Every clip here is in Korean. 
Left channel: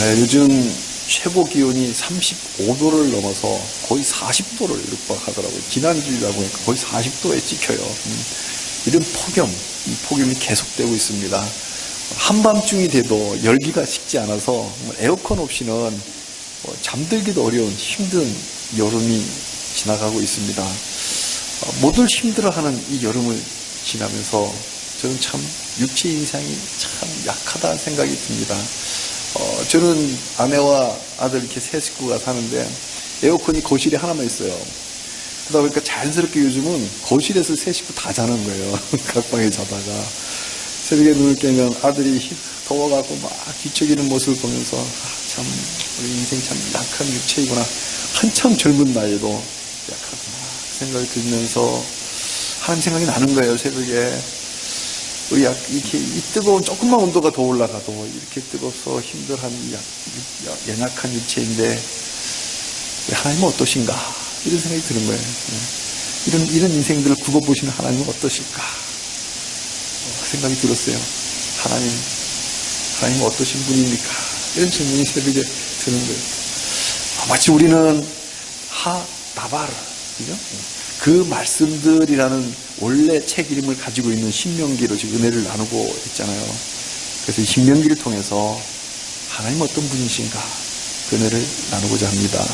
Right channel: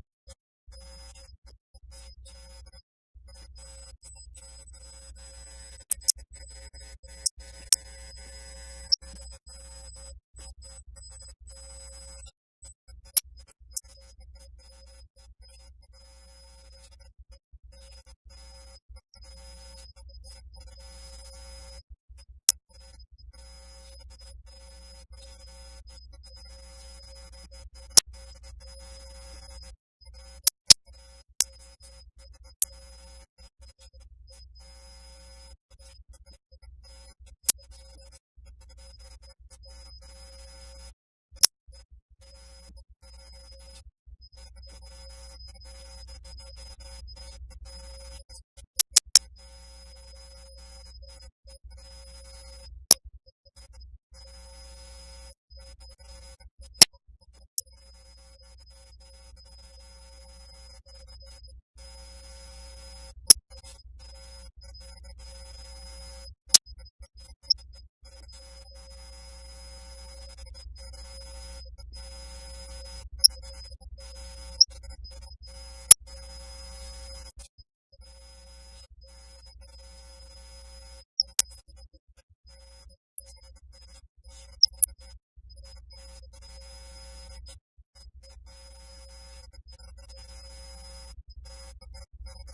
요즘 최고 기온이 35도를 넘어서 거의 40도를 육박하더라고요. 지난주라고 하니까 거의 40도에 찍혀요. 이런 폭염, 이 폭염이 계속되고 있습니다. 한밤중이 돼도 열기가 식지 않아서 에어컨 없이는 잠들기도 어려운 힘든 여름이 지나가고 있습니다. 모두 힘들어하는 이 여름을 지나면서 저는 참 육체 인상이 참 약하다는 생각이 듭니다. 저는 아내와 아들 이렇게 세 식구가 사는데 에어컨이 거실에 하나만 있어요. 그러다 보니까 자연스럽게 요즘은 거실에서 세 식구 다 자는 거예요. 각 방에 자다가 새벽에 눈을 깨면 아들이 더워가고 막 뒤척이는 모습을 보면서 참 우리 인생 참 약한 육체이구나. 한참 젊은 나이에도 약하구나 생각이 들면서 하나님 생각이 나는 거예요. 새벽에 우리 이렇게 이 뜨거운 조금만 온도가 더 올라가도 이렇게 뜨겁서 힘들한 연약한 육체인데 하나님은 어떠신가 이런 생각이 드는 거예요. 이런 인생들을 굽어보시는 하나님은 어떠실까 생각이 들었어요. 하나님은 어떠신 분입니까? 이런 질문이 새벽에 드는 거예요. 마치 우리는 나바르 그죠? 그 말씀들이라는 원래 책 이름을 가지고 있는 신명기로 지금 은혜를 나누고 있잖아요. 그래서 이 신명기를 통해서 하나님 어떤 분이신가 그 은혜를 나누고자 합니다.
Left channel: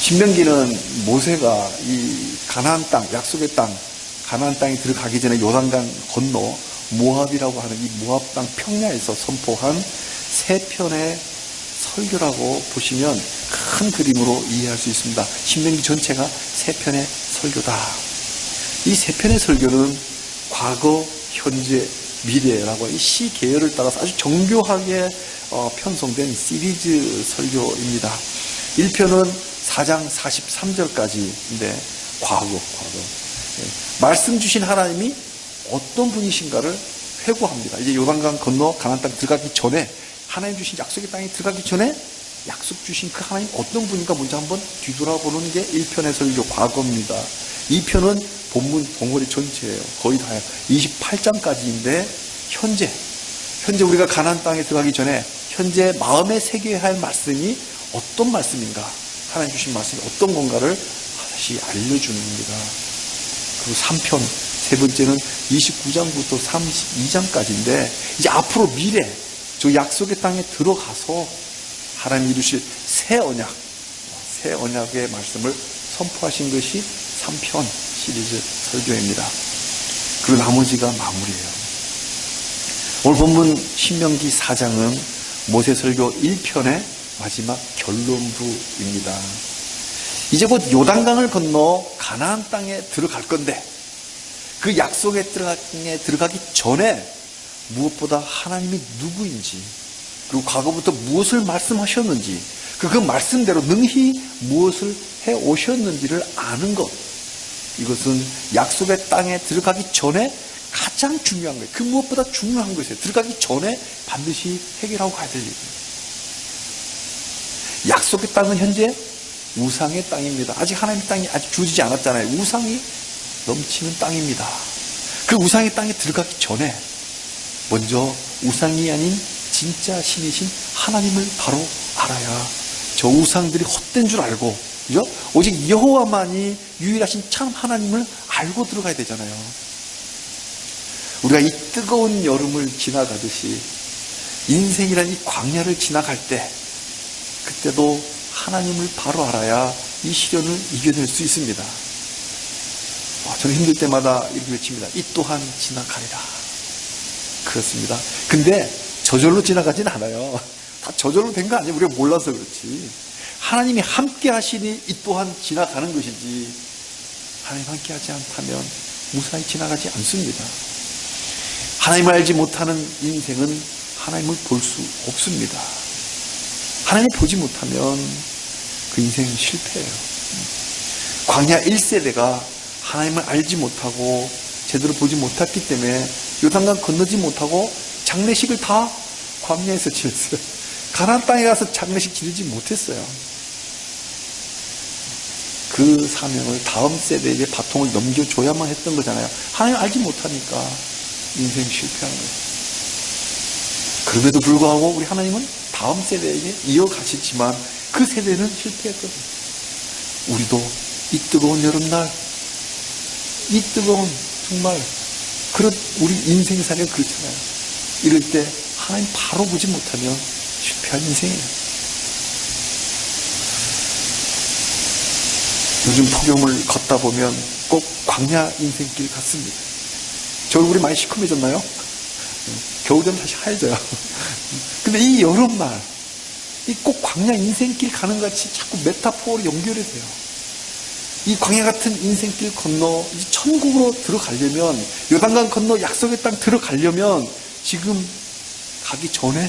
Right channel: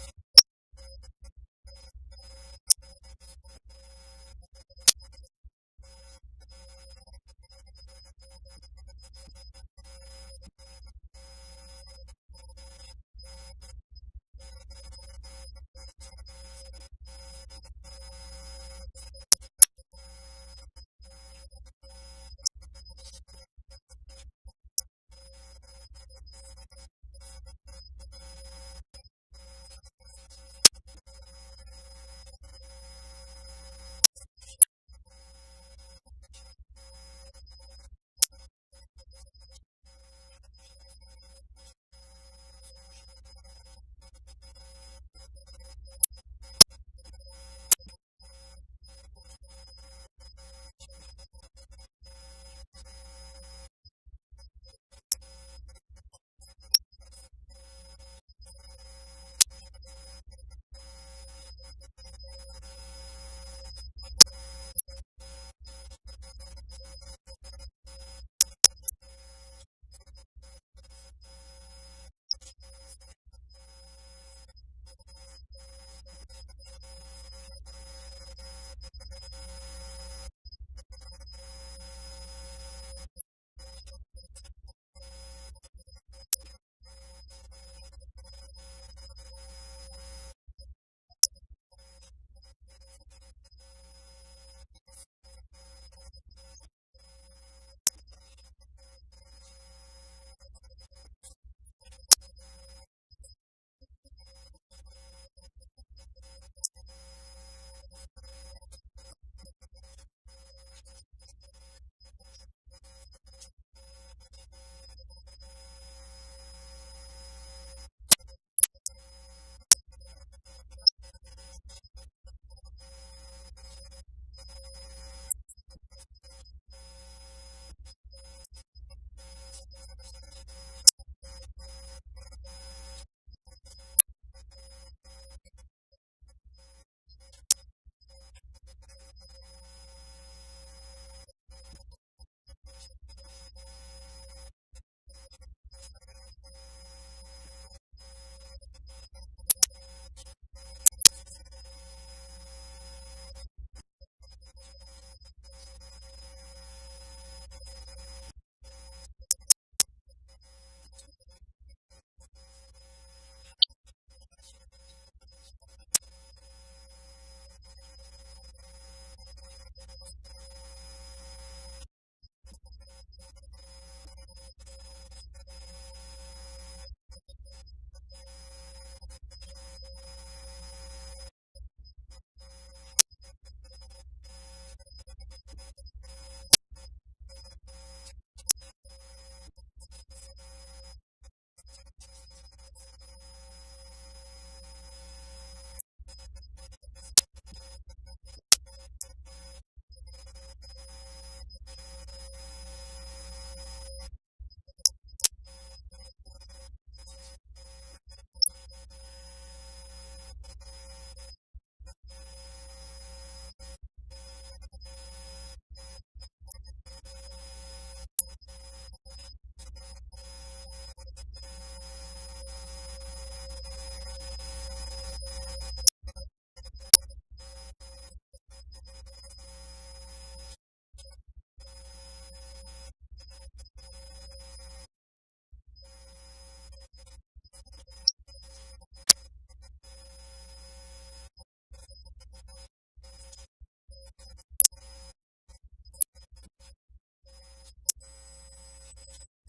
신명기는 모세가 이 가나안 땅, 약속의 땅, 가나안 땅에 들어가기 전에 요단강 건너 모압이라고 하는 이 모압 땅 평야에서 선포한 세 편의 설교라고 보시면 큰 그림으로 이해할 수 있습니다. 신명기 전체가 세 편의 설교다. 이 세 편의 설교는 과거, 현재, 미래라고 이 시 계열을 따라서 아주 정교하게 편성된 시리즈 설교입니다. 1편은 4장 43절까지인데 과거. 말씀 주신 하나님이 어떤 분이신가를 회고합니다. 이제 요단강 건너 가나안 땅 들어가기 전에 하나님 주신 약속의 땅에 들어가기 전에 약속 주신 그 하나님 어떤 분인가 먼저 한번 뒤돌아보는 게 1편의 설교 과거입니다. 2편은 본문 덩어리 전체예요. 거의 다요. 28장까지인데 현재 우리가 가나안 땅에 들어가기 전에 현재 마음에 새겨야 할 말씀이 어떤 말씀인가 하나님 주신 말씀이 어떤 건가를 다시 알려주는 겁니다. 그리고 3편 세 번째는 29장부터 32장까지인데 이제 앞으로 미래 저 약속의 땅에 들어가서 하나님 이루실 새 언약의 말씀을 선포하신 것이 3편 시리즈 설교입니다. 그리고 나머지가 마무리예요. 오늘 본문 신명기 4장은 모세 설교 1편의 마지막 결론부입니다. 이제 곧 요단강을 건너 가나안 땅에 들어갈 건데 그 약속의 땅에 들어가기 전에 무엇보다 하나님이 누구인지 그리고 과거부터 무엇을 말씀하셨는지 그 말씀대로 능히 무엇을 해오셨는지를 아는 것 이것은 약속의 땅에 들어가기 전에 가장 중요한 거예요. 그 무엇보다 중요한 것이에요. 들어가기 전에 반드시 해결하고 가야 될 일이에요. 약속의 땅은 현재 우상의 땅입니다. 아직 하나님의 땅이 아직 주어지지 않았잖아요. 우상이 넘치는 땅입니다. 그 우상의 땅에 들어가기 전에 먼저 우상이 아닌 진짜 신이신 하나님을 바로 알아야 저 우상들이 헛된 줄 알고 그죠? 오직 여호와만이 유일하신 참 하나님을 알고 들어가야 되잖아요. 우리가 이 뜨거운 여름을 지나가듯이 인생이라는 이 광야를 지나갈 때 그때도 하나님을 바로 알아야 이 시련을 이겨낼 수 있습니다. 저는 힘들 때마다 이렇게 외칩니다. 이 또한 지나가리라. 그렇습니다. 근데 저절로 지나가진 않아요. 다 저절로 된 거 아니에요. 우리가 몰라서 그렇지. 하나님이 함께 하시니 이 또한 지나가는 것이지 하나님 함께 하지 않다면 무사히 지나가지 않습니다. 하나님을 알지 못하는 인생은 하나님을 볼 수 없습니다. 하나님을 보지 못하면 그 인생은 실패예요. 광야 1세대가 하나님을 알지 못하고 제대로 보지 못했기 때문에 요단강 건너지 못하고 장례식을 다 광야에서 지었어요. 가나안 땅에 가서 장례식 지르지 못했어요. 그 사명을 다음 세대에게 바통을 넘겨줘야만 했던 거잖아요. 하나님 알지 못하니까 인생 실패한 거예요. 그럼에도 불구하고 우리 하나님은 다음 세대에게 이어가셨지만 그 세대는 실패했거든요. 우리도 이 뜨거운 여름날, 이 뜨거운 정말 그런 우리 인생살이 그렇잖아요. 이럴 때 하나님 바로 보지 못하면 실패한 인생이에요. 요즘 폭염을 걷다 보면 꼭 광야 인생길 같습니다. 저 얼굴이 많이 시커매졌나요? 겨우 되면 다시 하얘져요. 근데 이 여름날, 이 꼭 광야 인생길 가는 것 같이 자꾸 메타포로 연결이 돼요. 이 광야 같은 인생길 건너 이제 천국으로 들어가려면, 요단강 건너 약속의 땅 들어가려면 지금 가기 전에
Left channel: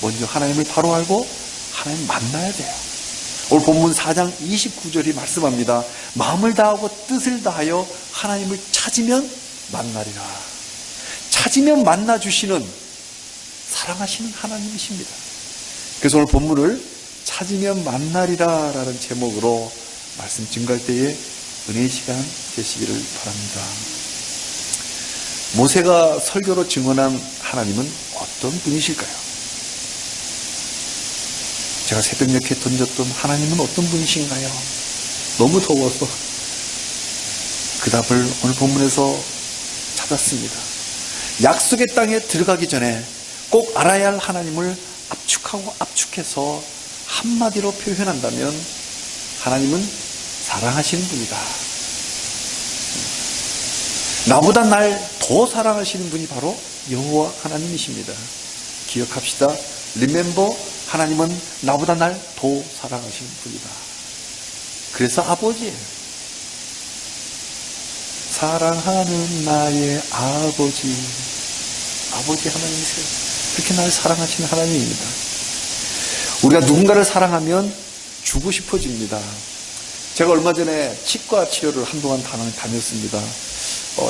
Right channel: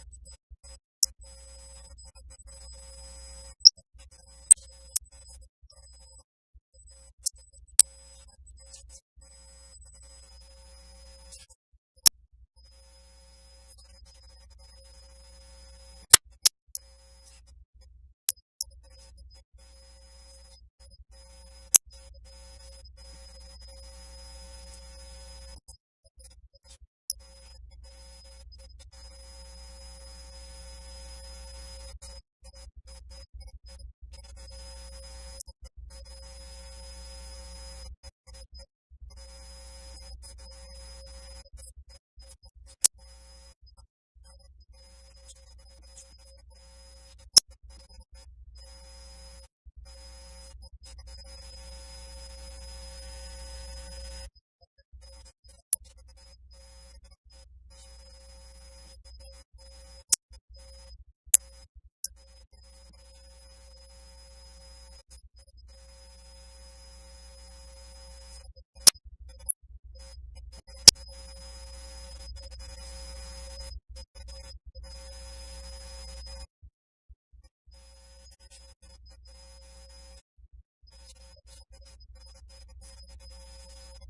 먼저 하나님을 바로 알고 하나님 만나야 돼요. 오늘 본문 4장 29절이 말씀합니다. 마음을 다하고 뜻을 다하여 하나님을 찾으면 만나리라. 찾으면 만나주시는 사랑하시는 하나님이십니다. 그래서 오늘 본문을 찾으면 만나리라 라는 제목으로 말씀 증거할 때에 은혜의 시간 되시기를 바랍니다. 모세가 설교로 증언한 하나님은 어떤 분이실까요? 제가 새벽녘에 던졌던 하나님은 어떤 분이신가요? 너무 더워서 그 답을 오늘 본문에서 찾았습니다. 약속의 땅에 들어가기 전에 꼭 알아야 할 하나님을 압축하고 압축해서 한마디로 표현한다면 하나님은 사랑하시는 분이다. 나보다 날 더 사랑하시는 분이 바로 여호와 하나님이십니다. 기억합시다. Remember, 하나님은 나보다 날 더 사랑하시는 분이다. 그래서 아버지예요. 사랑하는 나의 아버지 하나님이세요. 그렇게 날 사랑하시는 하나님입니다. 우리가 누군가를 사랑하면 주고 싶어집니다. 제가 얼마 전에 치과 치료를 한동안 다녔습니다.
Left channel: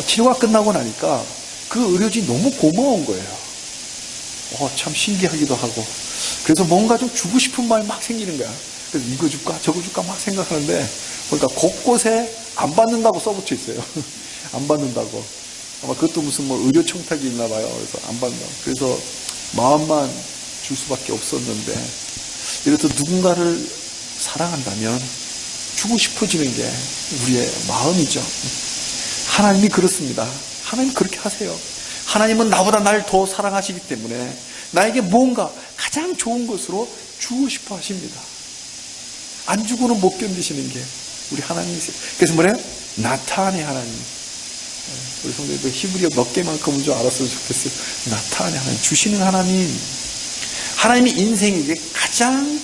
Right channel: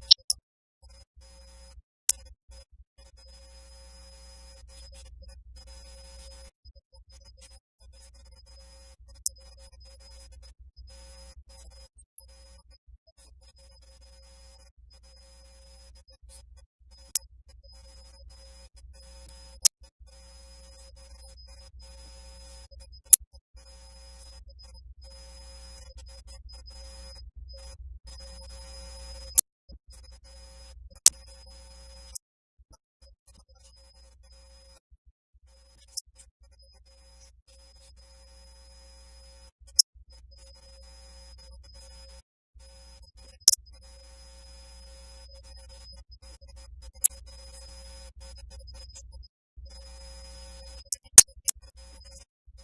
치료가 끝나고 나니까 그 의료진이 너무 고마운 거예요. 참 신기하기도 하고. 그래서 뭔가 좀 주고 싶은 마음이 막 생기는 거야. 그래서 이거 줄까 저거 줄까 막 생각하는데 그러니까 곳곳에 안 받는다고 써붙여 있어요. 안 받는다고. 아마 그것도 무슨 뭐 의료 청탁이 있나 봐요. 그래서 안 받는다고. 그래서 마음만 줄 수밖에 없었는데 이렇듯 누군가를 사랑한다면 주고 싶어지는 게 우리의 마음이죠. 하나님이 그렇습니다. 하나님 그렇게 하세요. 하나님은 나보다 날 더 사랑하시기 때문에 나에게 뭔가 가장 좋은 것으로 주고 싶어 하십니다. 안 주고는 못 견디시는 게 우리 하나님이세요. 그래서 뭐래요? 나타안의 하나님. 우리 성도님들 히브리어 몇 개만큼은 좀 알았으면 좋겠어요. 나타안의 하나님. 주시는 하나님. 하나님이 인생에게 가장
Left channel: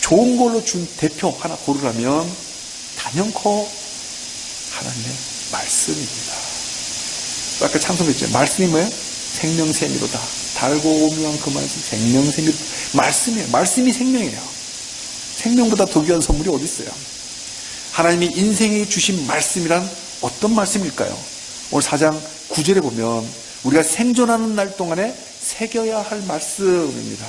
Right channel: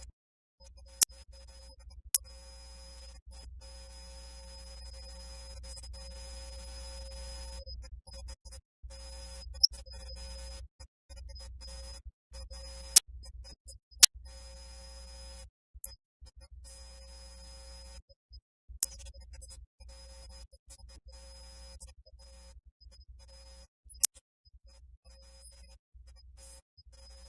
좋은 걸로 준 대표 하나 고르라면 단연코 하나님의 말씀입니다. 아까 찬송했죠. 말씀이 뭐예요? 생명샘이로다. 달고 오묘한 그 말씀 생명샘이 말씀이에요. 말씀이 생명이에요. 생명보다 더 귀한 선물이 어디 있어요? 하나님이 인생에 주신 말씀이란 어떤 말씀일까요? 오늘 4장 9절에 보면 우리가 생존하는 날 동안에 새겨야 할 말씀입니다.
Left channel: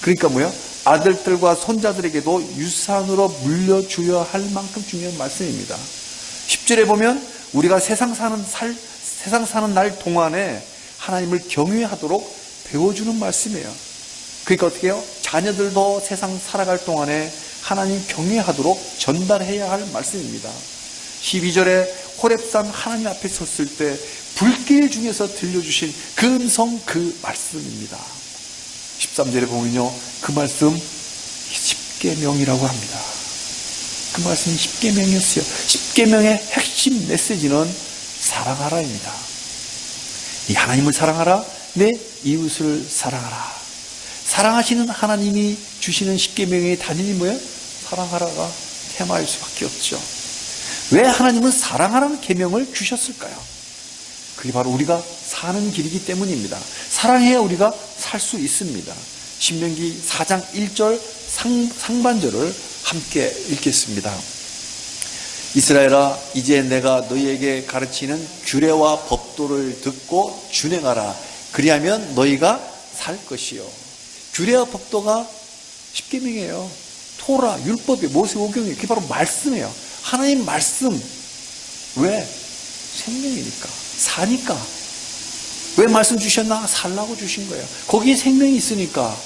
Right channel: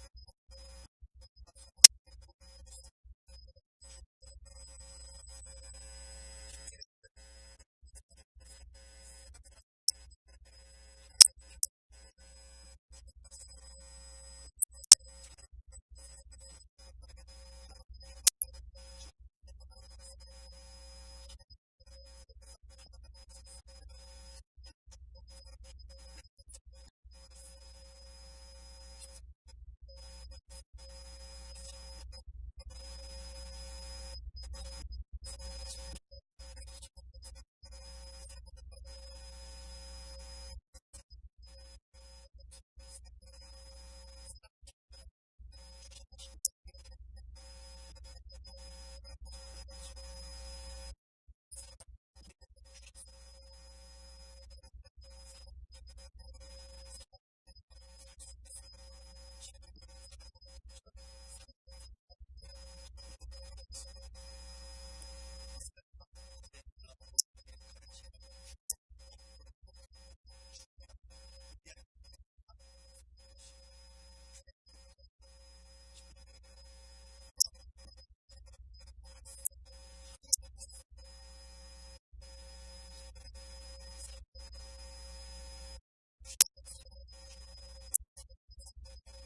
그러니까 뭐예요? 아들들과 손자들에게도 유산으로 물려줘야 할 만큼 중요한 말씀입니다. 10절에 보면 우리가 세상 사는 날 동안에 하나님을 경외하도록 배워주는 말씀이에요. 그러니까 어떻게 해요? 자녀들도 세상 살아갈 동안에 하나님 경외하도록 전달해야 할 말씀입니다. 12절에 호렙산 하나님 앞에 섰을 때 불길 중에서 들려주신 그 음성 그 말씀입니다. 13절에 보면요. 그 말씀 십계명이라고 합니다. 그 말씀이 십계명이었어요. 십계명의 핵심 메시지는 사랑하라입니다. 이 하나님을 사랑하라, 내 이웃을 사랑하라. 사랑하시는 하나님이 주시는 십계명의 단연이 뭐예요? 사랑하라가 테마일 수밖에 없죠. 왜 하나님은 사랑하라는 계명을 주셨을까요? 그게 바로 우리가 사는 길이기 때문입니다. 사랑해야 우리가 살 수 있습니다. 신명기 4장 1절 상반절을 함께 읽겠습니다. 이스라엘아, 이제 내가 너희에게 가르치는 규례와 법도를 듣고 준행하라. 그리하면 너희가 살 것이요. 규례와 법도가 십계명이에요. 토라, 율법이, 모세오경이, 그게 바로 말씀이에요. 하나님 말씀. 왜? 생명이니까, 사니까. 왜 말씀 주셨나? 살라고 주신 거예요. 거기에 생명이 있으니까.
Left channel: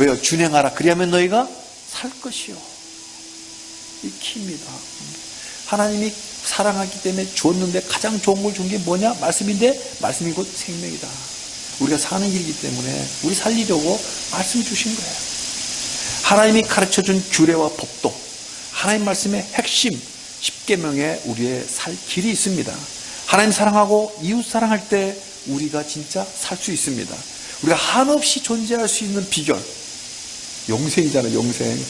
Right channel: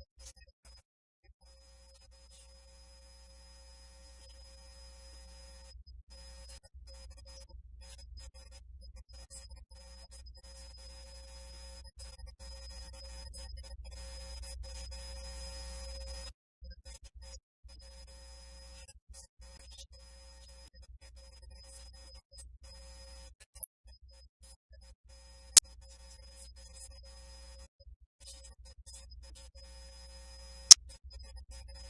왜요? 준행하라. 그리하면 너희가 살 것이요. 이 키입니다. 하나님이 사랑하기 때문에 줬는데 가장 좋은 걸 준 게 뭐냐? 말씀인데 말씀이 곧 생명이다. 우리가 사는 길이기 때문에 우리 살리려고 말씀 주신 거예요. 하나님이 가르쳐준 규례와 법도, 하나님 말씀의 핵심 10계명에 우리의 살 길이 있습니다. 하나님 사랑하고 이웃 사랑할 때 우리가 진짜 살 수 있습니다. 우리가 한없이 존재할 수 있는 비결, 영생이잖아요. 영생.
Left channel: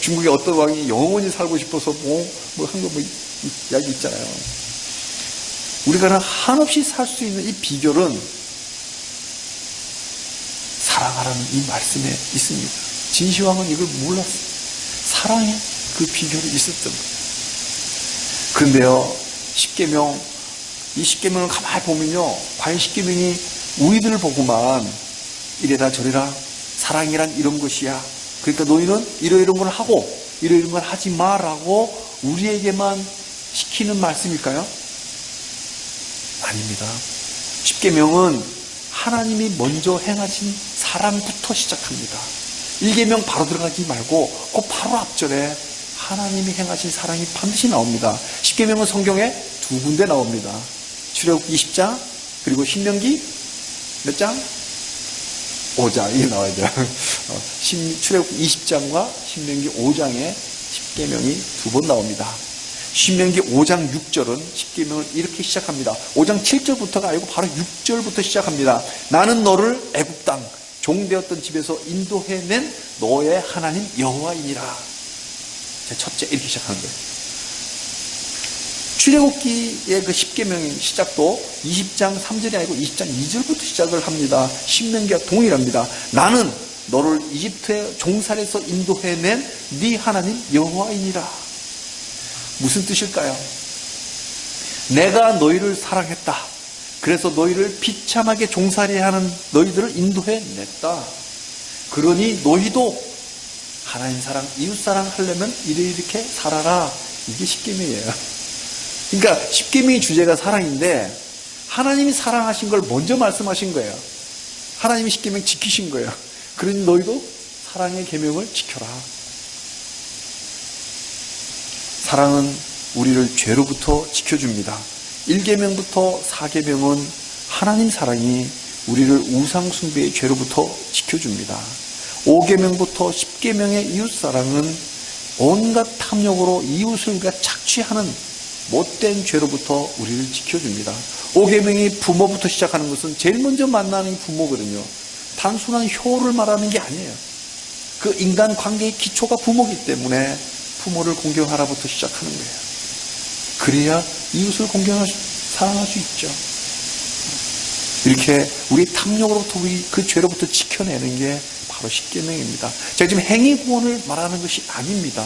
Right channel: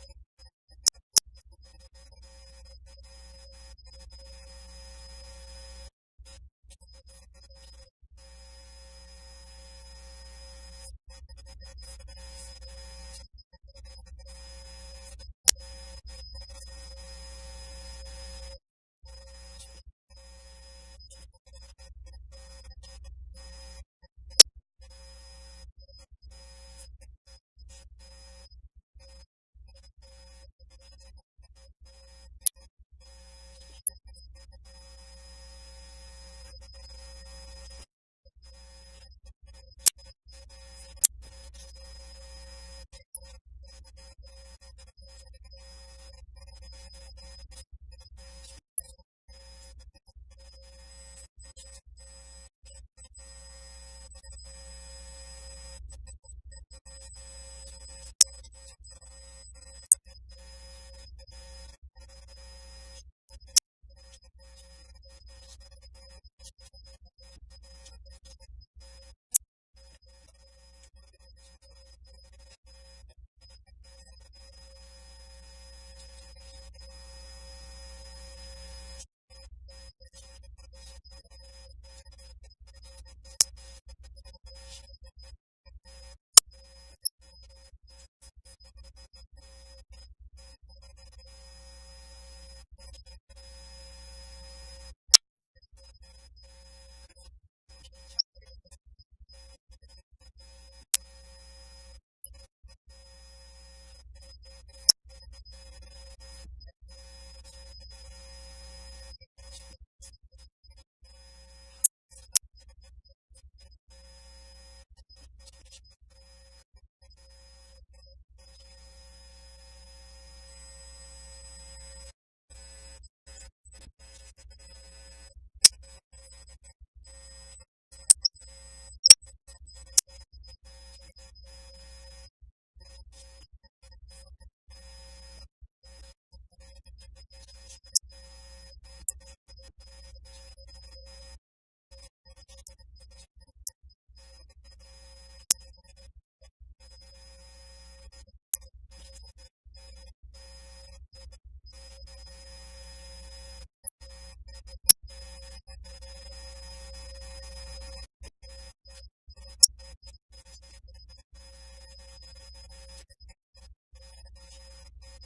중국의 어떤 왕이 영원히 살고 싶어서 이야기 있잖아요. 우리가 한없이 살 수 있는 이 비결은 사랑하라는 이 말씀에 있습니다. 진시황은 이걸 몰랐어요. 사랑의 그 비결이 있었던 거예요. 그런데요, 10계명, 이 10계명을 가만히 보면요, 과연 10계명이 우리들을 보고만 이래라 저래라 사랑이란 이런 것이야, 그러니까 너희는 이러이런 걸 하고 이러이런 걸 하지 마라고 우리에게만 시키는 말씀일까요? 아닙니다. 10계명은 하나님이 먼저 행하신 사랑부터 시작합니다. 1계명 바로 들어가지 말고 그 바로 앞절에 하나님이 행하신 사랑이 반드시 나옵니다. 10계명은 성경에 2군데 나옵니다. 출애굽기 20장 그리고 신명기 몇 장? 5장 이게 나와야죠. 출애굽기 20장과 신명기 5장에 10계명이 2번 나옵니다. 신명기 5장 6절은 10계명을 이렇게 시작합니다. 5장 7절부터가 아니고 바로 6절부터 시작합니다. 나는 너를 애굽 땅 종되었던 집에서 인도해낸 너의 하나님 여호와이니라. 제 첫째 이렇게 시작하는 거예요. 출애굽기의 그 10계명의 시작도 20장 3절이 아니고 20장 2절부터 시작을 합니다. 신명기와 동일합니다. 나는 너를 이집트의 종살에서 인도해낸 네 하나님 여호와이니라. 무슨 뜻일까요? 내가 너희를 사랑했다. 그래서 너희를 비참하게 종살이해야 하는 너희들을 인도해냈다. 그러니 너희도 하나님 사랑, 이웃 사랑 하려면 이렇게 살아라. 이게 10계명이에요. 그러니까 10계명의 주제가 사랑인데 하나님이 사랑하신 걸 먼저 말씀하신 거예요. 하나님이 10계명 지키신 거예요. 그러니 너희도 사랑의 계명을 지켜라. 사랑은 우리를 죄로부터 지켜줍니다. 1계명부터 4계명은 하나님 사랑이 우리를 우상 숭배의 죄로부터 지켜줍니다. 5계명부터 10계명의 이웃사랑은 온갖 탐욕으로 이웃을 우리가 착취하는 못된 죄로부터 우리를 지켜줍니다. 5계명이 부모부터 시작하는 것은 제일 먼저 만나는 부모거든요. 단순한 효를 말하는 게 아니에요. 그 인간 관계의 기초가 부모이기 때문에 부모를 공경하라부터 시작하는 거예요. 그래야 이웃을 사랑할 수 있죠. 이렇게 우리 탐욕으로부터 우리 그 죄로부터 지켜내는 게 바로 10계명입니다. 제가 지금 행위 구원을 말하는 것이 아닙니다.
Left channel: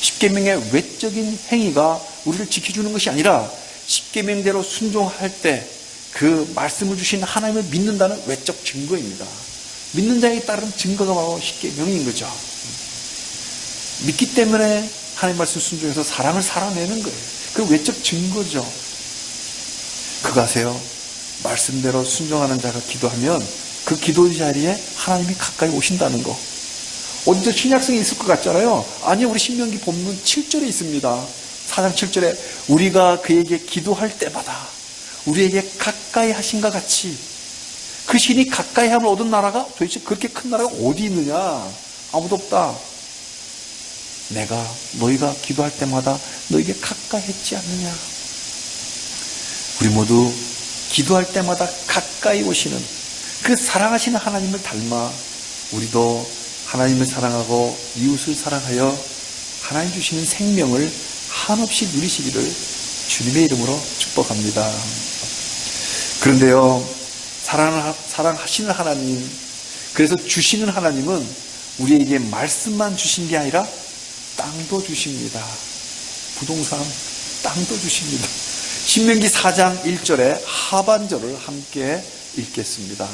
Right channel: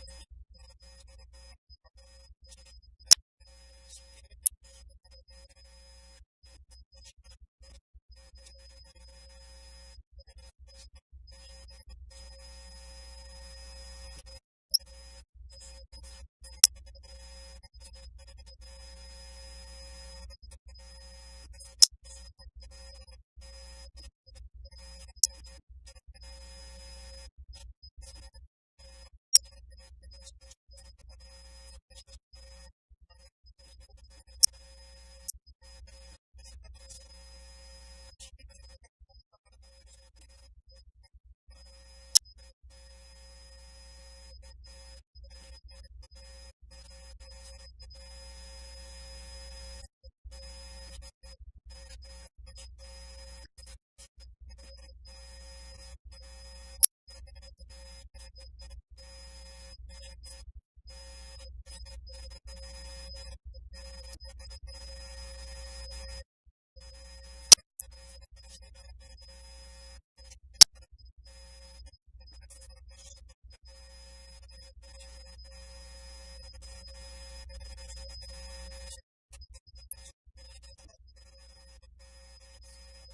10계명의 외적인 행위가 우리를 지켜주는 것이 아니라 10계명대로 순종할 때 그 말씀을 주신 하나님을 믿는다는 외적 증거입니다. 믿는 자에 따른 증거가 바로 10계명인 거죠. 믿기 때문에 하나님 말씀 순종해서 사랑을 살아내는 거예요. 그 외적 증거죠. 그거 아세요? 말씀대로 순종하는 자가 기도하면 그 기도 자리에 하나님이 가까이 오신다는 거. 어디서 신약성이 있을 것 같잖아요. 아니요, 우리 신명기 본문 7절에 있습니다. 4장 7절에 우리가 그에게 기도할 때마다 우리에게 가까이 하신것 같이, 그 신이 가까이 함을 얻은 나라가 도대체 그렇게 큰 나라가 어디 있느냐? 아무도 없다. 내가 너희가 기도할 때마다 너에게 가까이 했지 않느냐? 우리 모두 기도할 때마다 가까이 오시는 그 사랑하시는 하나님을 닮아 우리도 하나님을 사랑하고 이웃을 사랑하여 하나님 주시는 생명을 한없이 누리시기를 주님의 이름으로 축복합니다. 그런데요, 사랑하시는 하나님, 그래서 주시는 하나님은 우리에게 말씀만 주신 게 아니라 땅도 주십니다. 부동산, 땅도 주십니다. 신명기 4장 1절의 하반절을 함께 읽겠습니다.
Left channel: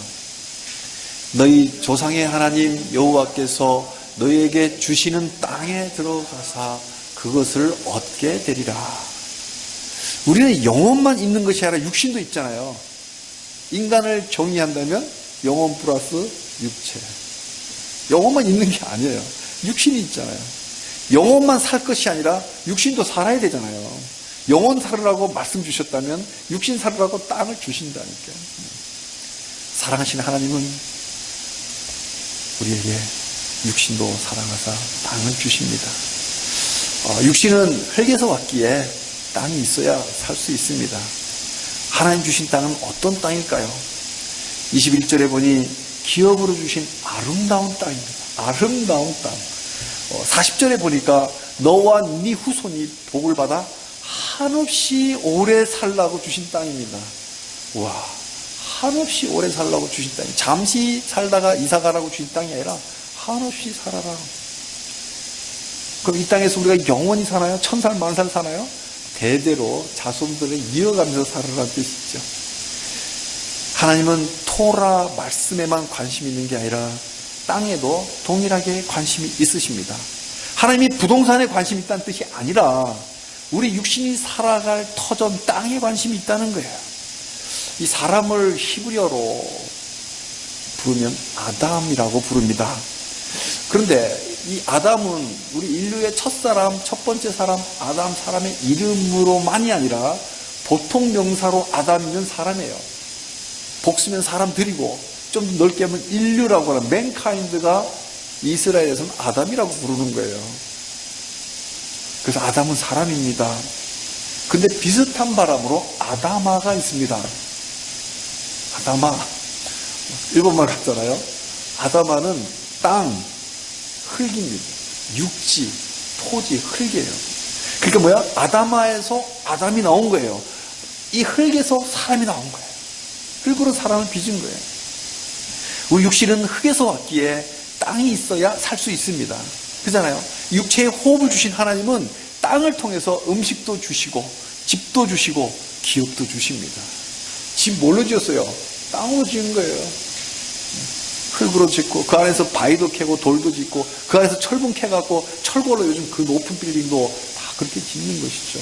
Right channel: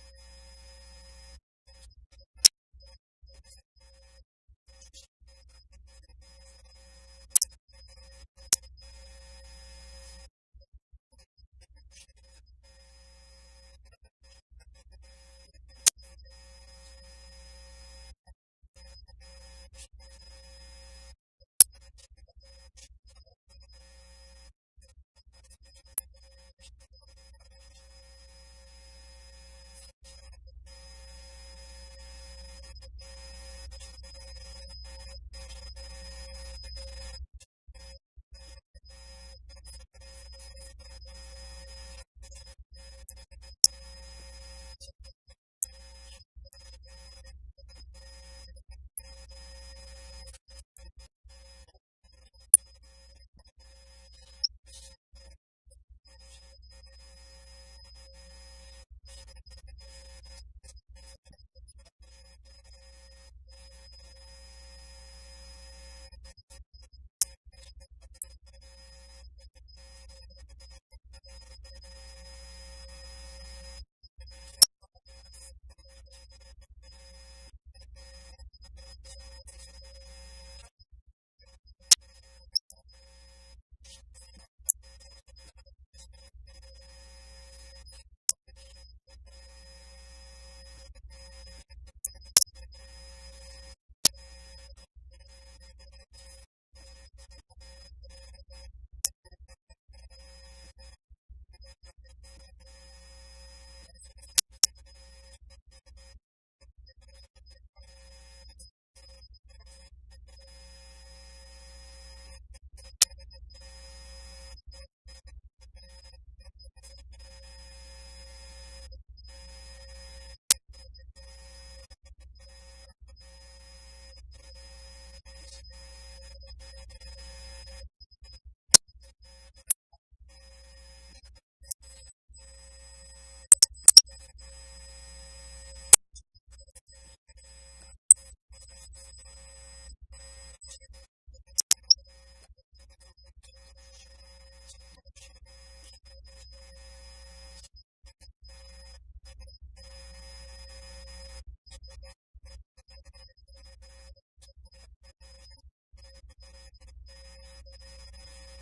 너희 조상의 하나님 여호와께서 너희에게 주시는 땅에 들어가사 그것을 얻게 되리라. 우리는 영혼만 있는 것이 아니라 육신도 있잖아요. 인간을 정의한다면 영혼 플러스 육체. 영혼만 있는 게 아니에요. 육신이 있잖아요. 영혼만 살 것이 아니라 육신도 살아야 되잖아요. 영혼 살으라고 말씀 주셨다면 육신 살으라고 땅을 주신다니까요. 사랑하시는 하나님은 우리에게 육신도 사랑하사 땅을 주십니다. 육신은 흙에서 왔기에 땅이 있어야 살 수 있습니다. 하나님 주신 땅은 어떤 땅일까요? 21절에 보니 기업으로 주신 아름다운 땅입니다. 아름다운 땅. 40절에 보니까 너와 네 후손이 복을 받아 한없이 오래 살라고 주신 땅입니다. 와, 한없이 오래 살라고 주신 땅이, 잠시 살다가 이사가라고 주신 땅이 아니라 한없이 살아라. 그럼 이 땅에서 우리가 영원히 사나요? 1000살, 10,000살 사나요? 대대로 자손들을 이어가면서 살아라는 뜻이죠. 하나님은 토라 말씀에만 관심이 있는 게 아니라 땅에도 동일하게 관심이 있으십니다. 하나님이 부동산에 관심이 있다는 뜻이 아니라 우리 육신이 살아갈 터전 땅에 관심이 있다는 거예요. 이 사람을 히브리어로 부르면 아담이라고 부릅니다. 그런데 이 아담은 우리 인류의 첫사람, 첫 번째 사람 아담, 사람의 이름으로만이 아니라 보통 명사로 아담이면 사람이에요. 복수면 사람들이고 좀 더 넓게 하면 인류라고 하는 맨카인드가 이스라엘에서는 아담이라고 부르는 거예요. 그래서 아담은 사람입니다. 근데 비슷한 바람으로 아다마가 있습니다. 아다마, 일본말 같잖아요. 아다마는 땅, 흙입니다. 육지, 토지, 흙이에요. 그러니까 뭐야? 아다마에서 아담이 나온 거예요. 이 흙에서 사람이 나온 거예요. 흙으로 사람을 빚은 거예요. 우리 육신은 흙에서 왔기에 땅이 있어야 살 수 있습니다. 그잖아요. 육체에 호흡을 주신 하나님은 땅을 통해서 음식도 주시고 집도 주시고 기업도 주십니다. 집 뭘로 지었어요? 땅으로 지은 거예요. 흙으로 짓고 그 안에서 바위도 캐고 돌도 짓고 그 안에서 철분 캐갖고 철골로 요즘 그 높은 빌딩도 다 그렇게 짓는 것이죠.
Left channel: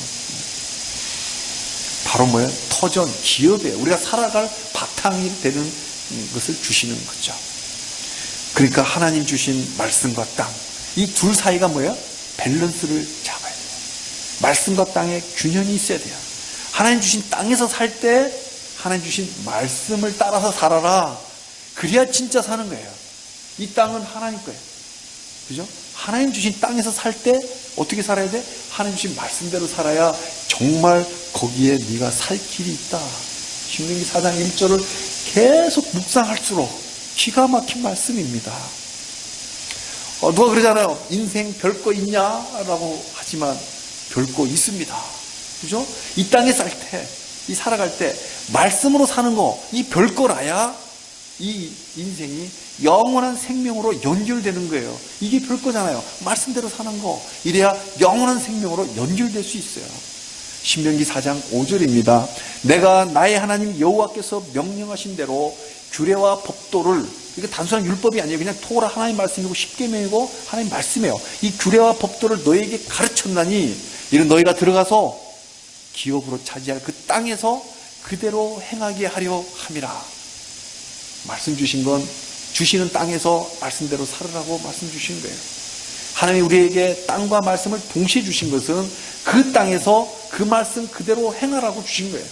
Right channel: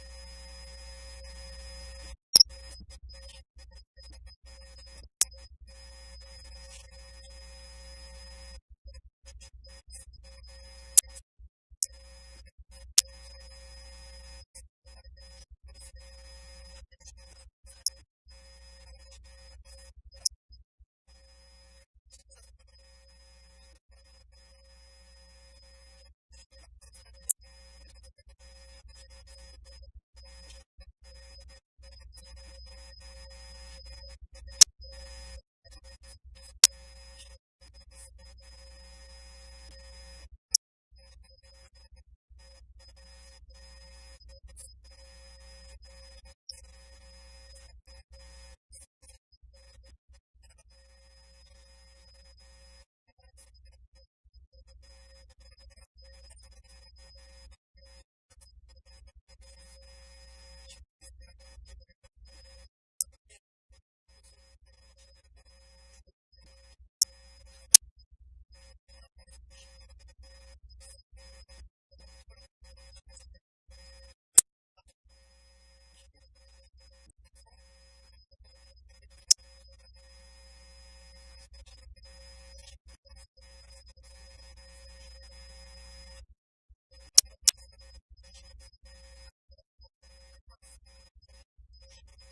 바로 뭐예요? 터전, 기업이에요. 우리가 살아갈 바탕이 되는 것을 주시는 거죠. 그러니까 하나님 주신 말씀과 땅, 이 둘 사이가 뭐예요? 밸런스를 잡아야 돼요. 말씀과 땅에 균형이 있어야 돼요. 하나님 주신 땅에서 살 때 하나님 주신 말씀을 따라서 살아라. 그래야 진짜 사는 거예요. 이 땅은 하나님 거예요. 그죠? 하나님 주신 땅에서 살 때 어떻게 살아야 돼? 하나님 주신 말씀대로 살아야 정말 거기에 네가 살 길이 있다. 신명기 4장 1절을 계속 묵상할수록 기가 막힌 말씀입니다. 누가 그러잖아요. 인생 별거 있냐라고 하지만 별거 있습니다. 그죠? 이 땅에 살 때, 이 살아갈 때 말씀으로 사는 거, 이 별거라야 이 인생이 영원한 생명으로 연결되는 거예요. 이게 별거잖아요. 말씀대로 사는 거. 이래야 영원한 생명으로 연결될 수 있어요. 신명기 4장 5절입니다. 내가 나의 하나님 여호와께서 명령하신 대로 규례와 법도를, 이게 단순한 율법이 아니에요. 그냥 토라 하나님 말씀이고 십계명이고 하나님 말씀이에요. 이 규례와 법도를 너에게 가르쳤나니 이는 너희가 들어가서 기업으로 차지할 그 땅에서 그대로 행하게 하려 함이라. 말씀 주신 건 주시는 땅에서 말씀대로 살으라고 말씀 주신 거예요. 하나님이 우리에게 땅과 말씀을 동시에 주신 것은 그 땅에서 그 말씀 그대로 행하라고 주신 거예요.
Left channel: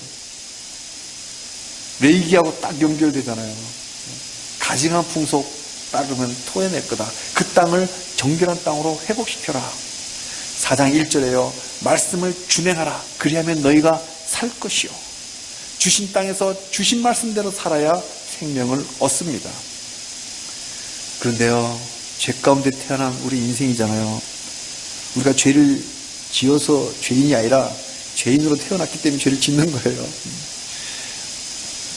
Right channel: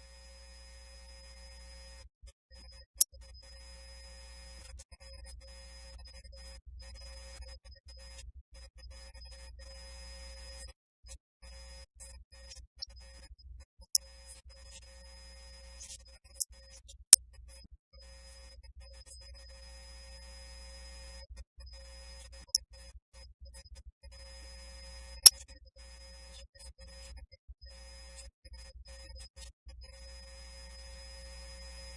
레위기하고 딱 연결되잖아요. 가증한 풍속 따르면 토해낼 거다. 그 땅을 정결한 땅으로 회복시켜라. 4장 1절에요. 말씀을 준행하라. 그리하면 너희가 살 것이요. 주신 땅에서 주신 말씀대로 살아야 생명을 얻습니다. 그런데요, 죄 가운데 태어난 우리 인생이잖아요. 우리가 죄를 지어서 죄인이 아니라 죄인으로 태어났기 때문에 죄를 짓는 거예요.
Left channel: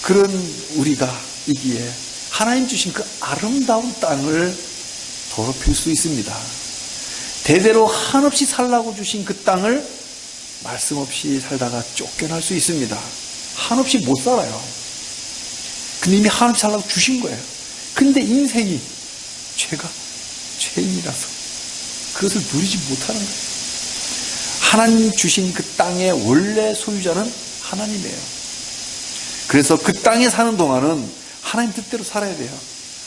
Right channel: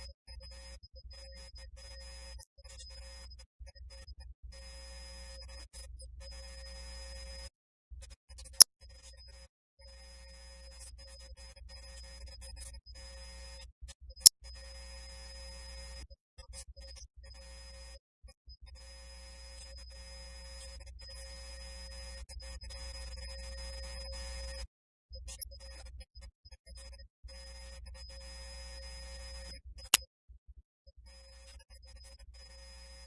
그런 우리가 이기에 하나님 주신 그 아름다운 땅을 더럽힐 수 있습니다. 대대로 한없이 살라고 주신 그 땅을 말씀 없이 살다가 쫓겨날 수 있습니다. 한없이 못 살아요. 근데 이미 한없이 살라고 주신 거예요. 근데 인생이 죄가 죄인이라서 그것을 누리지 못하는 거예요. 하나님 주신 그 땅의 원래 소유자는 하나님이에요. 그래서 그 땅에 사는 동안은 하나님 뜻대로 살아야 돼요.